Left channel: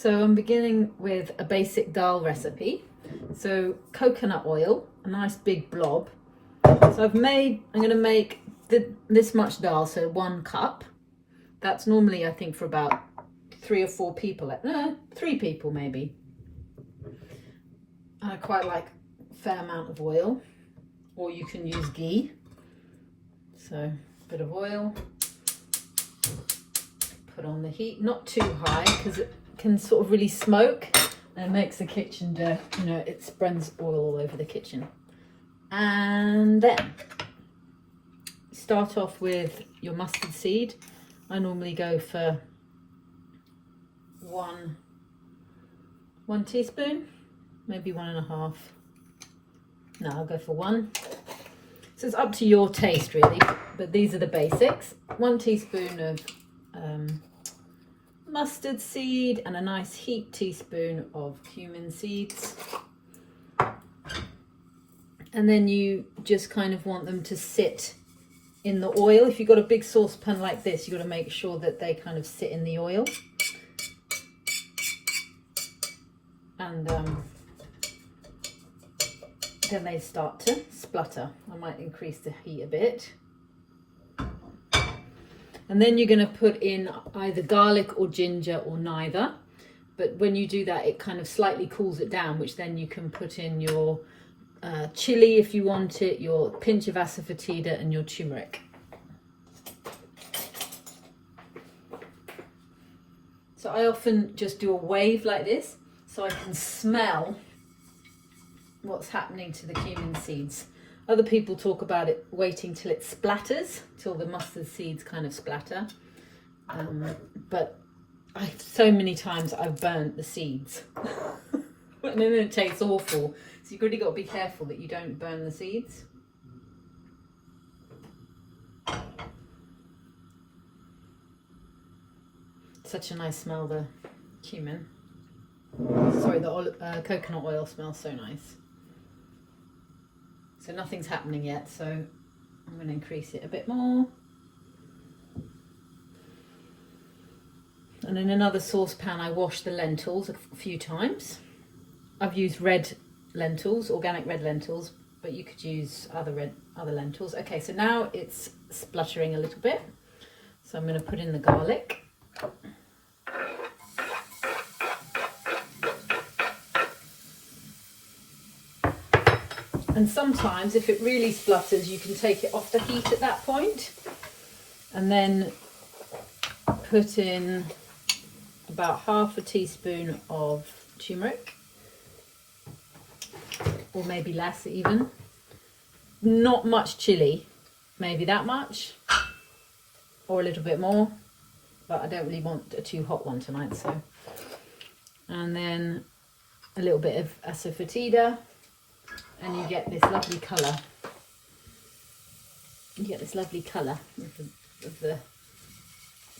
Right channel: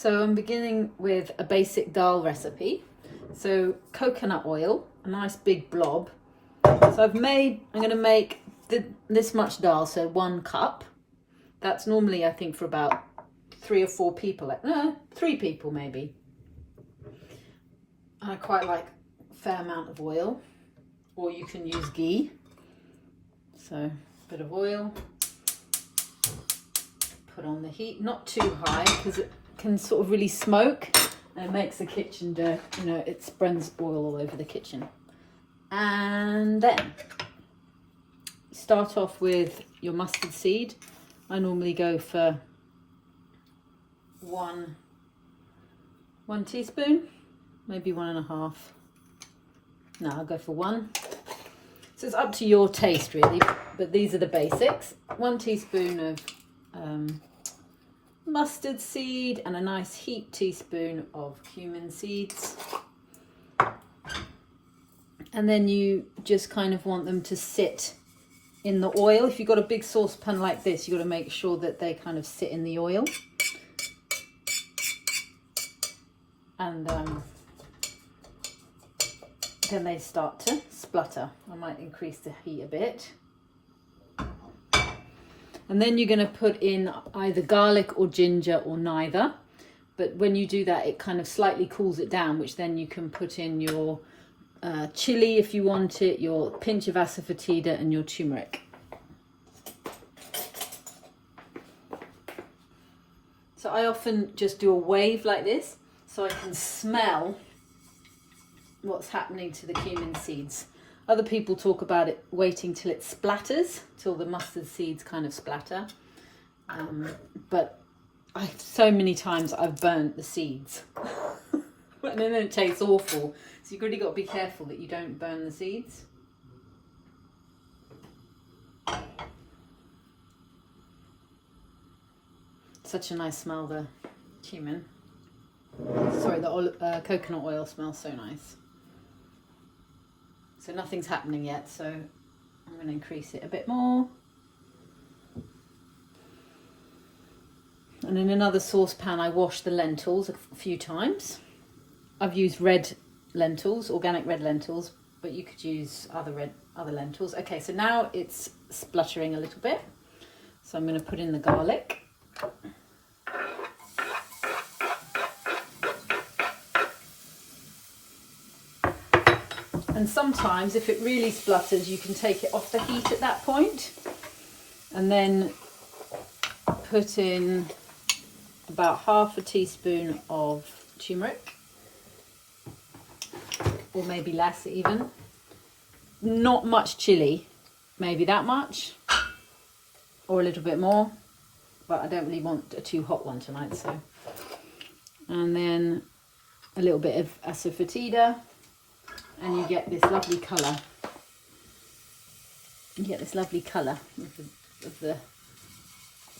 So I'm beginning with a basic dal recipe. So coconut oil, a nice big blob. So I'm going to make this much dal, so 1 cup. That's normally, I think, for about 3 or 4 people. 3 people maybe. I quite like a fair amount of oil, or you can use ghee. So a bit of oil. Put on the heat, not too high because it can sort of really smoke and it makes the kitchen dirty, you know, it spreads oil all over the kitchen. And then start off with your mustard seed. I normally go for one teaspoon, maybe 1.5. No, I'll go for 1. So it's up to your taste really, but these are the basics. 1 teaspoon of mustard seed and a nice heaped teaspoon of cumin seeds. And then you just kind of want them to sit in the oil. If you've got a big saucepan like this, you've got to make sure that they kind of sit in the oil. And then they start to splutter. I might increase the heat a bit. And then you're going to put in either garlic or ginger or neither. But when you do that, it kind of slightly cools it down, which then you can put in your chili if you want it, your pinch of asafoetida and your turmeric. So I often just do a wave like this so I can smell what's happening to the cumin seeds. Other people talk about it waiting till it splatters, till the mustard seeds kind of splatter. But so many times I've burnt the seeds. And then it tastes awful. So you've really got to be careful that you don't burn the seeds. Such a nice smell, the cumin. Sorry, the coconut oil smells so nice. So nothing's happening yet, so I'm going to increase it a bit more. And in another saucepan I wash the lentils a few times. I've used red lentils, organic red lentils, but you could use other lentils. Okay, so now it's spluttering a little bit. So I'm going to put in the garlic. And sometimes if it really splutters, you can take it off the heat at that point and then put in about 1/2 teaspoon of turmeric, or maybe less even. Not much chili, maybe that much or a little bit more, but I don't really want a too hot one tonight. So, and then a little bit of asafoetida. And you get this lovely colour. You get this lovely colour of the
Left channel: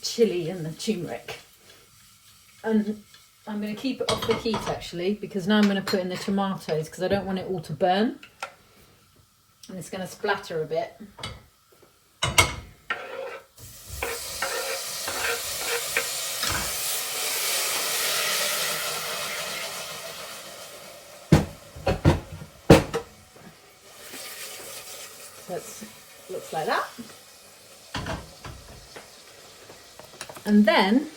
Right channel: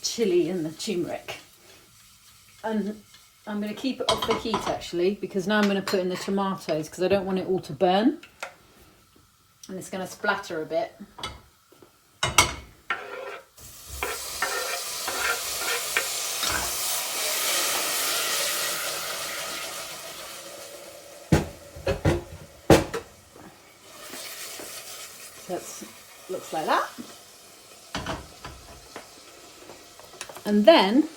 chilli and the turmeric. And I'm going to keep it off the heat actually, because now I'm going to put in the tomatoes because I don't want it all to burn. And it's going to splatter a bit. Looks like that. And then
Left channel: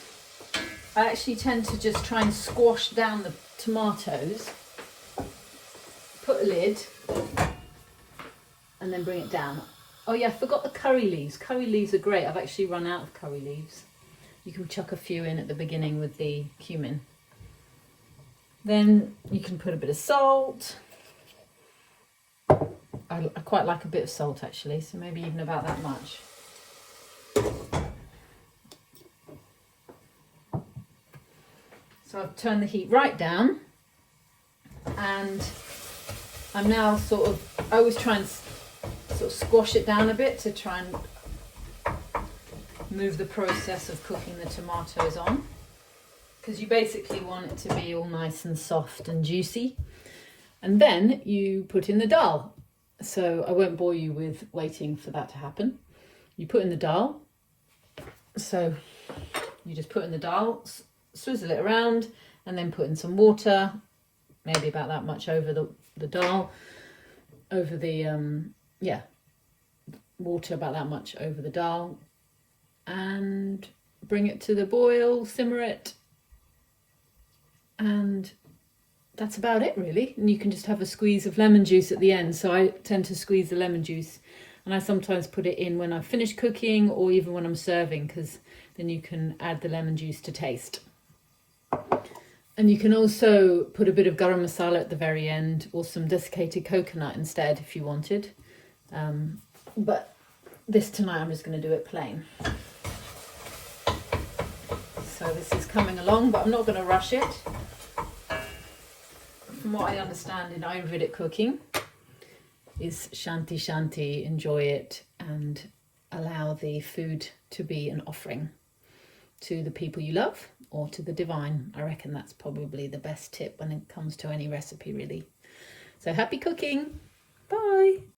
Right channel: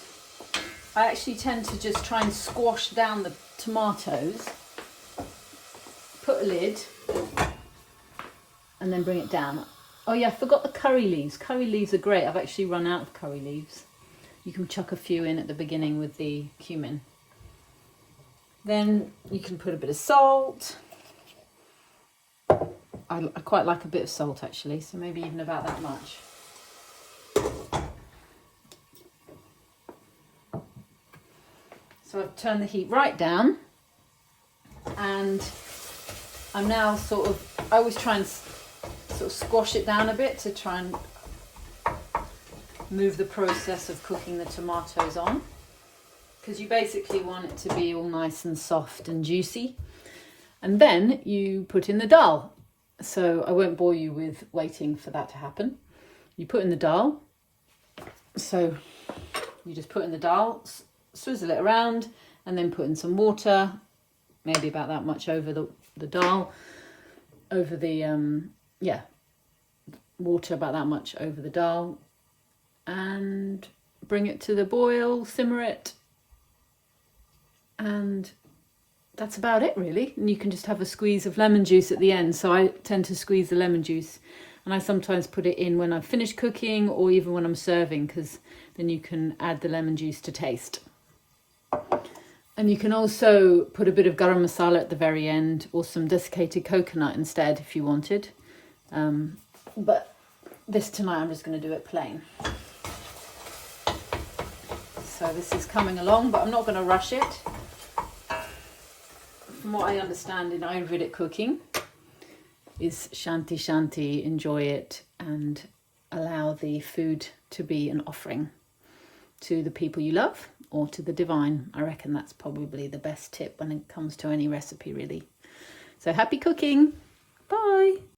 I actually tend to just try and squash down the tomatoes, put a lid, and then bring it down. Oh yeah, I forgot the curry leaves. Curry leaves are great. I've actually run out of curry leaves. You can chuck a few in at the beginning with the cumin. Then you can put a bit of salt. I quite like a bit of salt actually, so maybe even about that much. So I've turned the heat right down, and I'm now I always try and sort of squash it down a bit to try and move the process of cooking the tomatoes on, because you basically want it to be all nice and soft and juicy. And then you put in the dal. So I won't bore you with waiting for that to happen. You put in the dal. So you just put in the dal, swizzle it around, and then put in some water, maybe about that much over the dal, over the, water about that much over the dal, and bring it to the boil, simmer it, and that's about it really. And you can just have a squeeze of lemon juice at the end. So I tend to squeeze the lemon juice, and I sometimes put it in when I've finished cooking or even when I'm serving, because then you can add the lemon juice to taste. And you can also put a bit of garam masala at the very end, or some desiccated coconut instead if you wanted. But this tonight I'm just going to do it plain. So this is coming along, but I'm not going to rush it. From what I understand in Ayurvedic cooking is shanti shanti, enjoy it and allow the food to be an offering to the people you love or to the divine. I reckon that's probably the best tip when it comes to any recipe really. So happy cooking. Bye.